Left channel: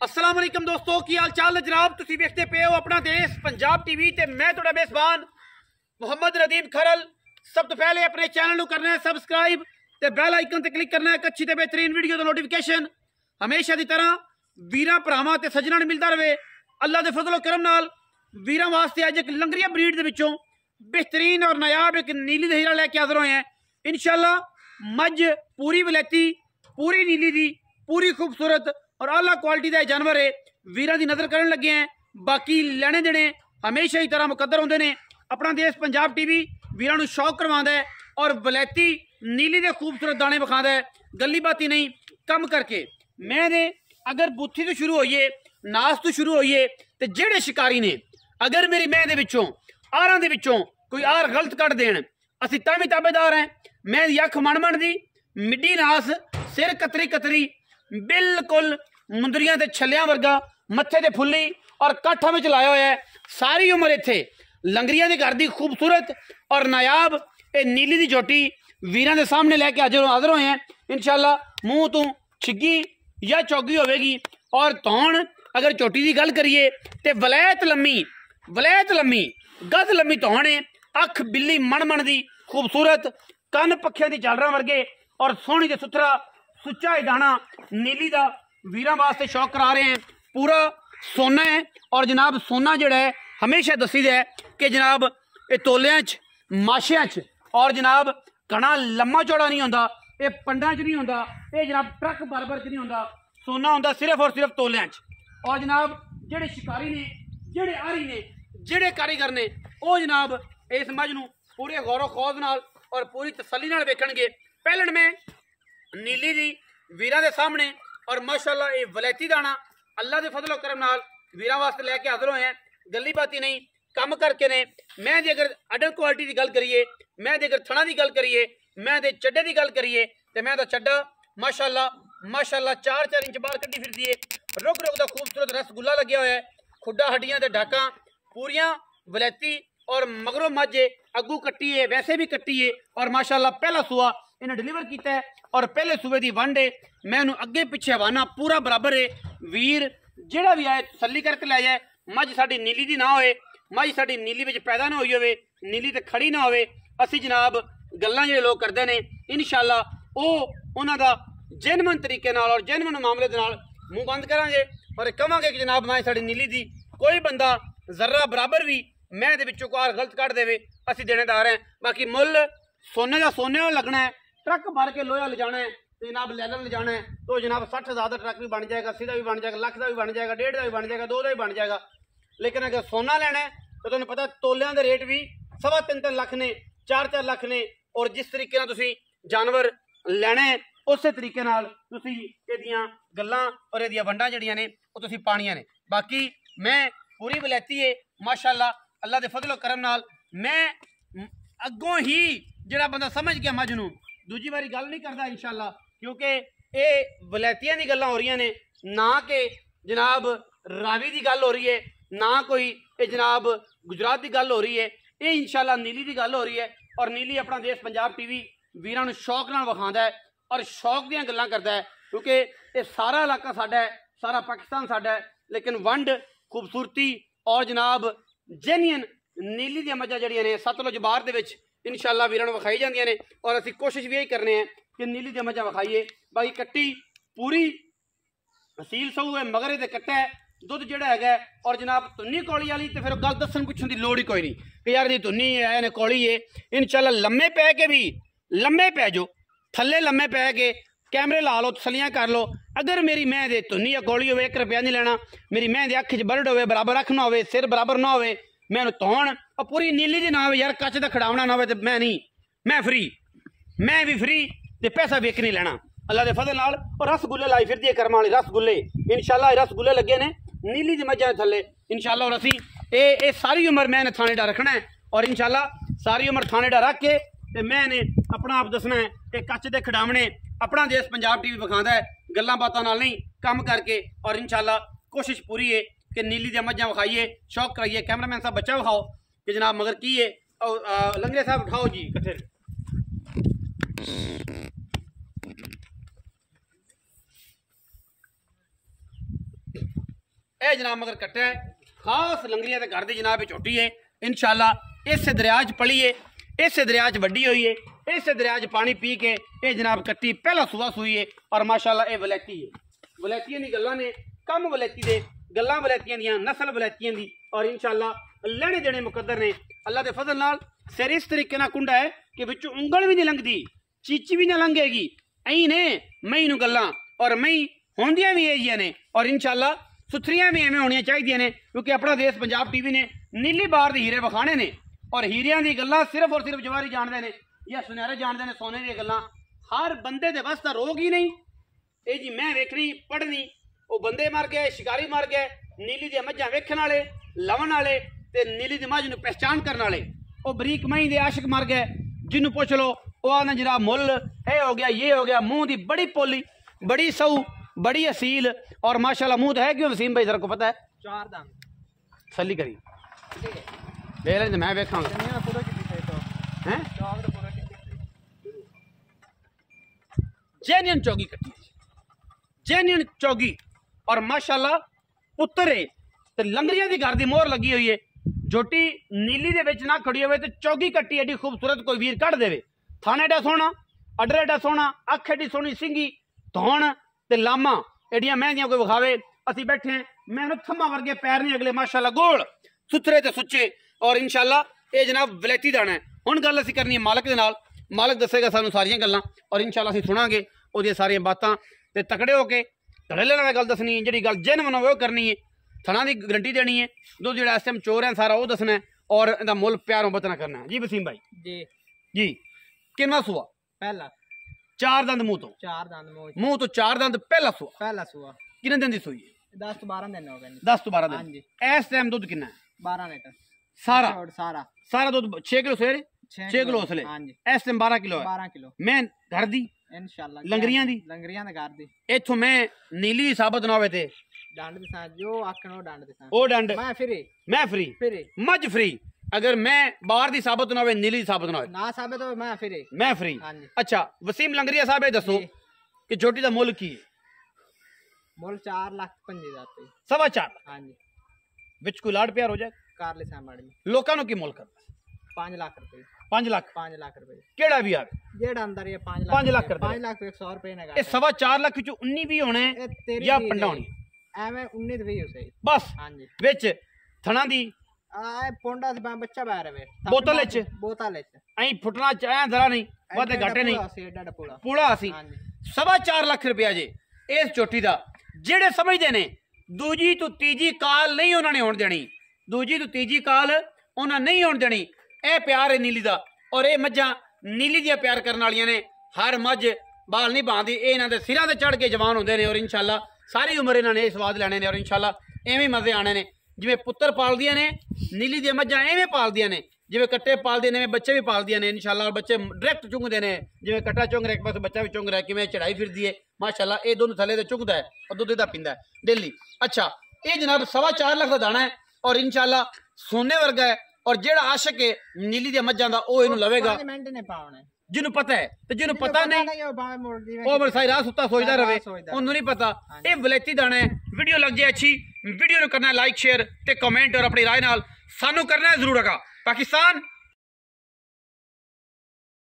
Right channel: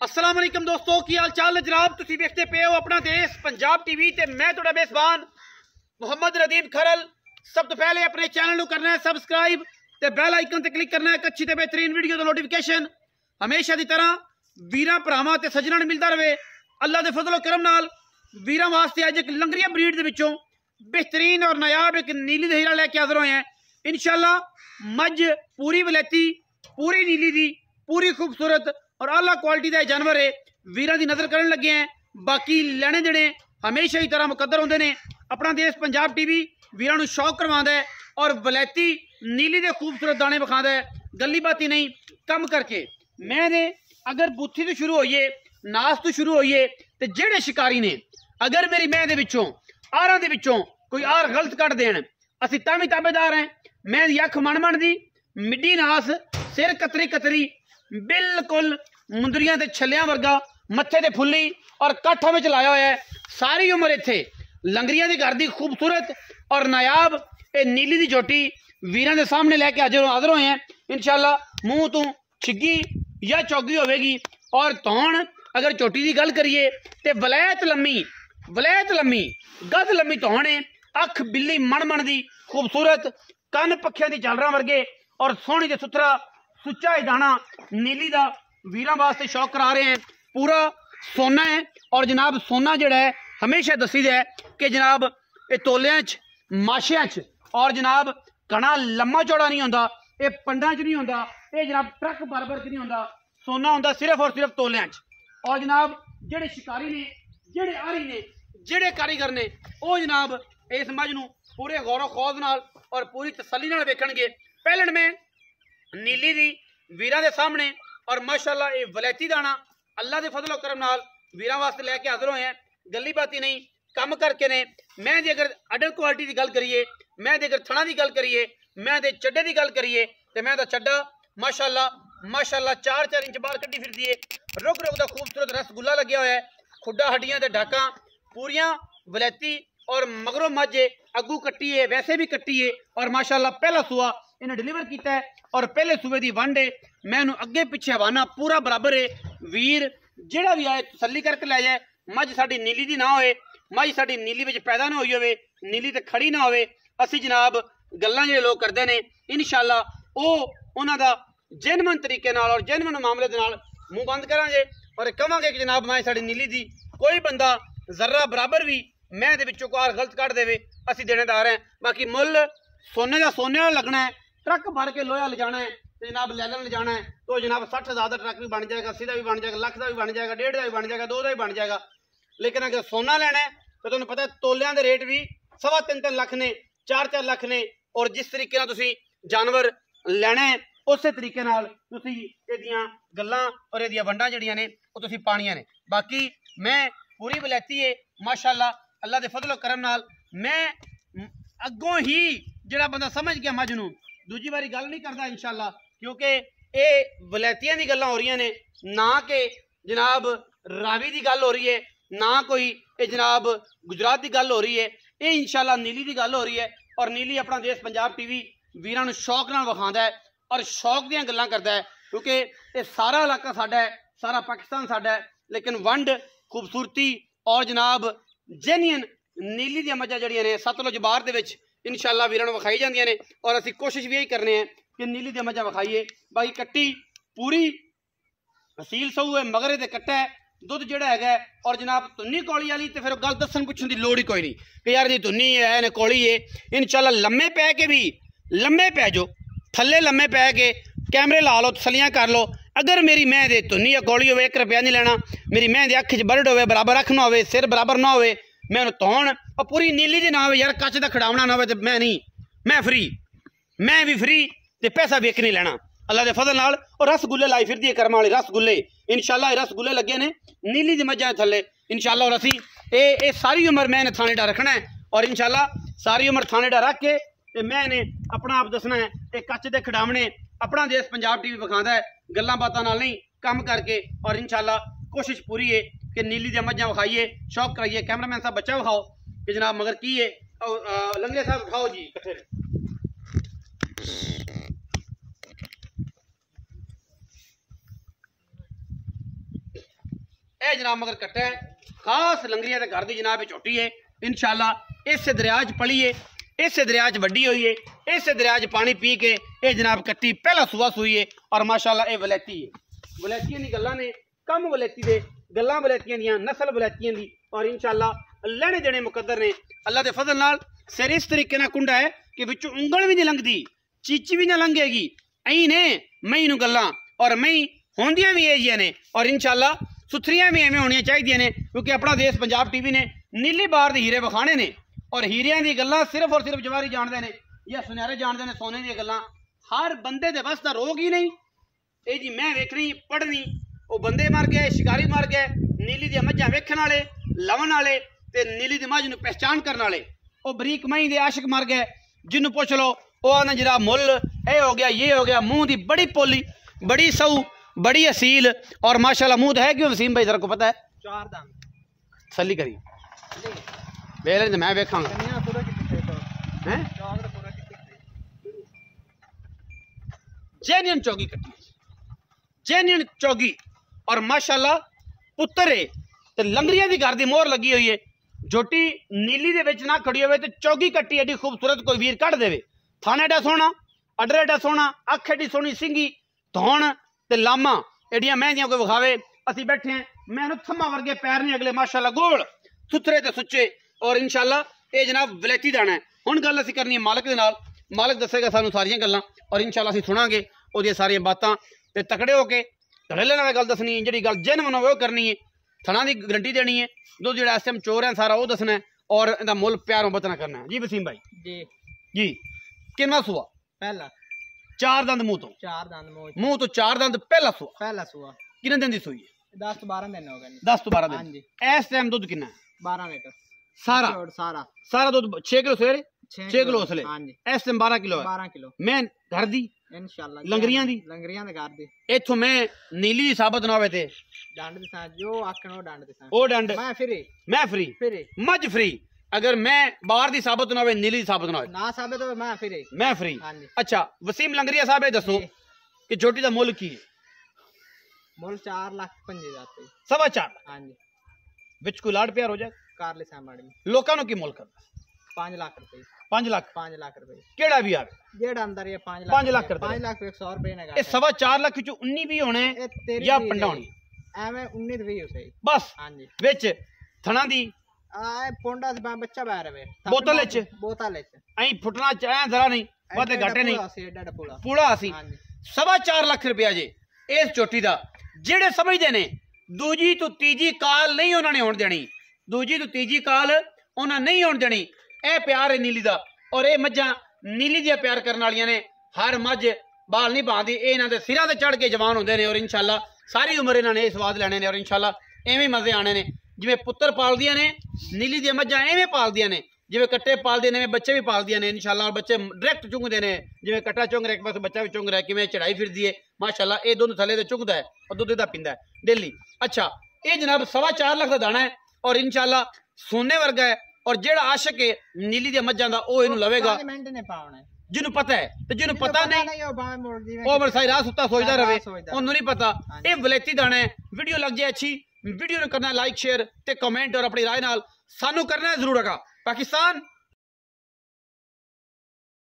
अस्सलाम वालेकुम दोस्तों, की हाल चाल है जनाब। तुसी देखते पे हो अपना देश पंजाब टीवी ते मैं तुहाडा मेज़बान मुहम्मद रदीम खरल। सब तो पहले अपने चैनल को करना है सबसक्राइब ते बेल आइकन ते क्लिक करना है अच्छी ते बेहतरीन वीडियो का नोटिफिकेशन हमेशा की तरह वीरां भरावां ते सज्जनां नूं मिलता रहे। अल्लाह के फजलो करम नाल वीरां वास्ते अज एक लंगरिया ब्रीड दे विचों बेहतरीन और नायाब एक नीली हीरा लैके हाजिर होए हैं। इंशाअल्लाह मझ पूरी वलैती, पूरी नीली दी, पूरी खूबसूरत और आला क्वालिटी का जानवर है। वीरां की नज़र करन लगे हैं। बाकी लेने देने हमेशा ही तरह मुकद्दर होंदे ने। अपना देश पंजाब टीवी वीरां नूं शौक करवांदा है और वलैती नीली दे खूबसूरत दाने विखांदा है, गली बाती नहीं कम करके। मैं ने अगर बूथी तो शुरू होइए, नास तो शुरू होइए, तो जेड़े शिकारी ने अगर मेरी मैं दे विचों आरां दे विचों कोई आर गलत कट देन, असीं तां भी ताबेदार हैं। मैं दी अख मन दी, मिड्डी नास, सिर कतरी कतरी, बिल्कुल मुंदरियां ते छलियां वर्गा, मत्थे ते फुल्ली और काठा में लाया हुआ है। सारी उम्र इत्थे लंगरियां दे घर दी खूबसूरत और नायाब ए नीली दी झोटी वीरां दे सामने लैके हाजिर होए हैं। इंशाअल्लाह मुंह तो छिग्गी या चौगी होवेगी। और तौण अगर झोटी की गल करिए तो वलैत लम्मी गद लम्मी तौण है। अख बिल्ली मन दी खूबसूरत, कन पखियां दी झालरां वर्गे और सोहनी ते सुथरा सुच्चा है दाना नीली दा वीरां वास्ते शौक करा रहे हैं। पूरा सोना है और जनाब सोना जड़ा है हमेशा दसी है कि जनाब ये तोलियां च, माशियां च और जनाब घना लम्मा चौड़ा नहीं होंदा, ये पंडा च नहीं होंदा, ये जनाब ट्रक बरबर च नहीं होंदा। सोना होंदा सिर्फ और सिर्फ तोलियां च। और जनाब जेड़े शिकारी ने, जेड़े आरी ने, जेड़े कारीगर ने, वो जनाब इस मझ नूं पूरे गौर खौज नाल और पूरी तसल्ली नाल वेखणगे। पहलन में नीली दी वीरां दे सामने और माशाअल्लाह ये वलैती दाना अल्लाह के फजलो करम नाल वीरां वास्ते लैके हाजिर होए हैं। गली बाती नहीं कम करके ने। मैं दी अगर अडल क्वालिटी की गल करिए, मैं दी अगर थणा की गल करिए, मैं दे चड्डे की गल करिए तो मैं दा चड्डा माशाअल्लाह 4-4 इंच बाहर कड्डी फिरदी है। रुग दा खूबसूरत रसगुल्ला लग्या हुआ है। खुड्डा हड्डियां ते डाकां पूरियां वलैती और मगरों मझ अगू कट्टी है, वैसे भी कट्टी है और माशाअल्लाह पहला सुआ इन्हें डिलीवर किया है और पहले सूबे की वंड है। मैं अगे पिछे हवाना पूरा बराबर है। वीर जेड़ा भी आए तसल्ली करके लै जाए। मझ साडी नीली दी ना होए, मझ साडी नीली विच पैदा ना होई होवे, नीली ते खड़ी ना होवे। असी जनाब गल्लां जेड़े लोग करते हैं इंशाअल्लाह उन्हां दा जेनवन तरीके नाल और जेनवन मामले दे नाल मुंह बंद करांगे और कहांगे कि जनाब मैं साडी नीली दी कोई बंदा जर्रा बराबर भी मैं दे विचों कोई गलत कट देवे असी देनेदार हैं। बाकी मुल सोने का सोने लगना है। ट्रक भर के लोहा ले जाना है तो जनाब लैलन ले जाना है तो जनाब 60,000 का ट्रक भी बन जाएगा, 80 का भी बन जाएगा, लाख का भी बन जाएगा, 1.5 का भी बन जाएगा, 2 का भी बन जाएगा। लेकिन अगर सोना लेना है तो तुम्हें पता तोलियां के रेट भी 3.25 लाख ने, 4-4 लाख ने। और जिस तरीके नाल तुसीं जानवर लेना है उस तरीके नाल तुसीं इहदियां गल्लां और इहदियां वंडां जिहड़ियां ने वो तुसीं पाणियां ने। बाकी मैं पूरी वलैती है माशाअल्लाह अल्लाह के फजलो करम नाल। मैं अगों ही जिहड़ा बंदा समझ गया मझ नूं दूजी बारी गल नहीं करता इंशाअल्लाह, क्योंकि ये वलैतियां दी गल्लां हो रही ने, ना कि जनाब रावी की गल हो रही है, ना कोई ये जनाब गुजरात की गल हो रही है। ये इंशाअल्लाह नीली की गल हो रही है और नीली अपना देश पंजाब टीवी वीरां नूं शौक नाल विखांदा है और शौक दीयां गल्लां करदा है। क्योंकि ये सारा इलाका साडा है, सारा पाकिस्तान साडा है, लेकिन वंड खूबसूरती और जनाब जेन्युइन नीली दी मझां जड़ियां ने सतलुज बार दे विच इंशाअल्लाह वीरां नूं विखाई जांदियां ने और असीं कोशिश भी यही करने हैं कि नीली दी मझां विखाईए। बाकी कट्टी पूरी असील सऊ है, मगर दे कट्टा है, दुध जिहड़ा हैगा और जनाब धुन्नी कौली वाली तो फिर गल दस्सन पुछण दी लोड़ ही कोई नहीं कि यार जी धुन्नी है ने कौली है। इंशाअल्लाह लम्मे पै के भी लम्मे पै जाओ, थल्ले लम्मे पै के कैमरे ला लो, तसलियां कर लो। अगर मेरी मैं दे धुन्नी या कौली होवे 1 रुपया नहीं लेना। मेरी मैं दे अख च बरड होवे, बराबर अख ना होवे, सिर बराबर ना होवे, मैं उन्हें तौण और पूरी नीली दी ना हो यार, कच का खड़ावना ना हो तो मैं नहीं, मैं फ्री, मैं भी फ्री ते पैसा भी एक नहीं लेना अल्लाह के फजल नाल। और रसगुल्ले लाई फिरदी है करम वाले रसगुल्ले। इंशाअल्लाह रसगुल्ले लगे ने नीली दी मझां थल्ले इंशाअल्लाह। और असी ये सारी उम्र मैंने थाने डा रखना है और इंशाअल्लाह सारी उम्र थाने डा रख के ते मैंने अपना आप दसना है कि कच के खिडावने अपना देश पंजाब टीवी विखांदा है, गल्लां बातां नाल नहीं कम करके। और इंशाअल्लाह कोशिश पूरी है कि नीली दी मझां विखाइए, शौक कराइए। कैमरामैन साहब बच्चा विखाओ कि जनाब मगर की है, लंगरे साहब उठाओ जी कट्ठे। ਇਹ जनाब मगर कट्टा है खास लंगरिया के घर की जनाब झोटी है। इंशाल्लाह इस दरिया च पली है, इस दरिया च वड्डी हुई है, इस दरिया च पानी पी के ये जनाब कट्टी पहला सुबह सूई है। और माशाल्लाह ये वलैती है। वलैतियां दी गल्लां ने कम वलैती दे गल्लां वलैतियां दियां नस्ल वलैतियां दी। और इंशाल्लाह लेने देने मुकद्दर ने अल्लाह के फजल नाल। सिर इस तरीके नाल कुंडा है कि विचों उंगल भी नहीं लंघदी, चीची भी ना लंघेगी। ऐ ने मई नूं गल्लां और मई होंदियां भी इहियां ने और इंशाल्लाह सुथरियां भी एवें होनियां चाहिदियां ने। क्योंकि अपना देश पंजाब टीवी ने नीली बार दे हीरे विखाने ने और हीरियां दी गल्लां सिर्फ और सिर्फ जवारी जानदे ने या सुनहरे जानदे ने। सोने दी गल्लां हर बंदे दे बस दा रोग ही नहीं। ये जी मैं वेखनी पढ़नी वो बंदे मर गए, शिकारी मर गए, नीली दी मझां वेखण वाले, लवन वाले ते नीली दी मझ नूं पहचान करन वाले। वो बरीक मई दे आशिक मर गए, जिन्नू पूछ लो वो आना जरा मुल ये हो गया, ये हो गया। मुंह दी बड़ी पोली, बड़ी सऊ, बड़ी असील और माशाल्लाह मुंह तो है क्यों वसीम भाई, जरा को पता है? 4 दांत सली करी वेले ते मैं वेखांगा पूरा कितने हैं चौक दा पूरा कितने जेन्युइन चौगी कट्टी, जेन्युइन चौगी। और माशाल्लाह पुत्र है ते लंगरिया दी घर दी मोहर लगी हुई है। झोटी नीली दे विच ना खड़ी होवे ते चौगी कट्टी एडी खूबसूरत कोई वीर कढ़ देवे। थाने एडा सोहना, अडर एडा सोहना, अख एडी सोहनी, सिंगी धौण ते लामा एडियां मेहंदियां कोई विखावे। असीं बैठे हैं, मैं थम्मा वर्गे पैर नहीं अगले माशाल्लाह गोल सुथरे ते सुच्चे। और इंशाल्लाह ये जनाब वलैती दाना है। हुण गल असीं करनी है मालक दे नाल, मालक दसेगा सानू सारियां गल्लां और इंशाल्लाह असीं सुनांगे ओहदियां सारियां बातां ते तकड़े होके धड़ेले नाल गल दसनी है। जिहड़ी गल जेन्युइन होवे ओह करनी है, थणा दी गारंटी देनी है। दुद्ध जिहड़ा इस टाइम चोर है सारा वो दसना है और इहदा मुल प्यारों बतना करना है। जी वसीम भाई जी किन्ना सुआ? पहला। 4 दंद मुंह तो? 4 दंद मुंह तो 4 दंद पहला सुआ। किन्ने दिन दी सूई है? 10 to 12 दिन हो गए। 10 to 12 दिन। हां जी। इस टाइम दुध कितना है? 12 लीटर सारा सारा दुध। 6 किलो सवेरे, 6 किलो उसले। हां जी। इस टाइम 12 किलो है। 12 किलो मैं घर दी इंशाल्लाह लंगरियां दी घर दी। इथों मैं नीली दी साबत ना होवे ते डंड दे सा जो आखण ओ डंड दे सा ओ डंड मैं फ्री मज फ्री। अगर मैं बाहर दी साबत ना होवे, नीली दी साबत ना होवे, ना साबत होवे मैं फ्री। अच्छा वसीम लंगरिया साहब ये दसो कि झोटी दा मुल की है? मुल 4 लाख 25 जाते 4.25 लाख। हां जी। विच कोई लाड प्यार हो जाए कारले सामड़ी लोकां नु की मुल करदा? 5 लाख रुपए। 5 लाख रुपए केड़ा भी आवे जेड़ा अंदर ये 5 लाख 5 लाख 100 रुपए ने ये 4.25 लाख विच 19 भी होने या पंडाणी एवें 19 भी हो सही बस। हां जी। विच थणा दी आ पोंडा से बच्चा बाहर है बोतल च ऐ फुटना चाहे जरा नहीं वादे घाटे नहीं पूरा सी। 4.25 लाख रुपया जे इस चोटी दा। जेड़े समझदे ने दूजी तो तीजी काल नहीं उन्होंने होण देनी, दूजी तो तीजी काल उन्होंने नहीं होण देनी। ए प्यार है नीली दा और ये मझां नीली दियां प्यार करने वालियां ने। हर मझ बाल नहीं बांधदी, ये इन्हां दे सिरां ते चढ़ के जवान होंदे ने और इंशाल्लाह सारी उम्र इन्हां ने स्वाद लैणे ने और इंशाल्लाह एवें मजे आने ने। जिवें पुत्तर पालदियां ने नीली दियां मझां एवें पालदियां ने, जिवें कट्टे पालदे ने बच्चे भी पालदियां ने इंशाल्लाह। और बच्चे डायरेक्ट चुंगदे ने, जिवें कट्टा चुंग रहा एक पास बच्चा भी चुंग रहा है, किवें चढ़ाई फिरदी है माशाल्लाह। ये दुध थले ते चुंगदा है और दुध दा पींदा है डेली। अच्छा ये जनाब 4.25 लाख का दाना है और इंशाल्लाह सोने वर्गा है। और जेड़ा आशिक है नीली दी मझां दा ओ इहनूं लवेगा जिन्हों पता है ते जिन्हों पता नहीं ओ बड़ सारी रात सुत्ता सोचदा रहे, उन्होंने नहीं पता। ये वलैती दाना है। वीडियो लग जाए अच्छी, वीडियो नूं करना लाइक शेयर ते कमेंट और अपनी राय नाल सानू करना जरूर। पाकिस्तान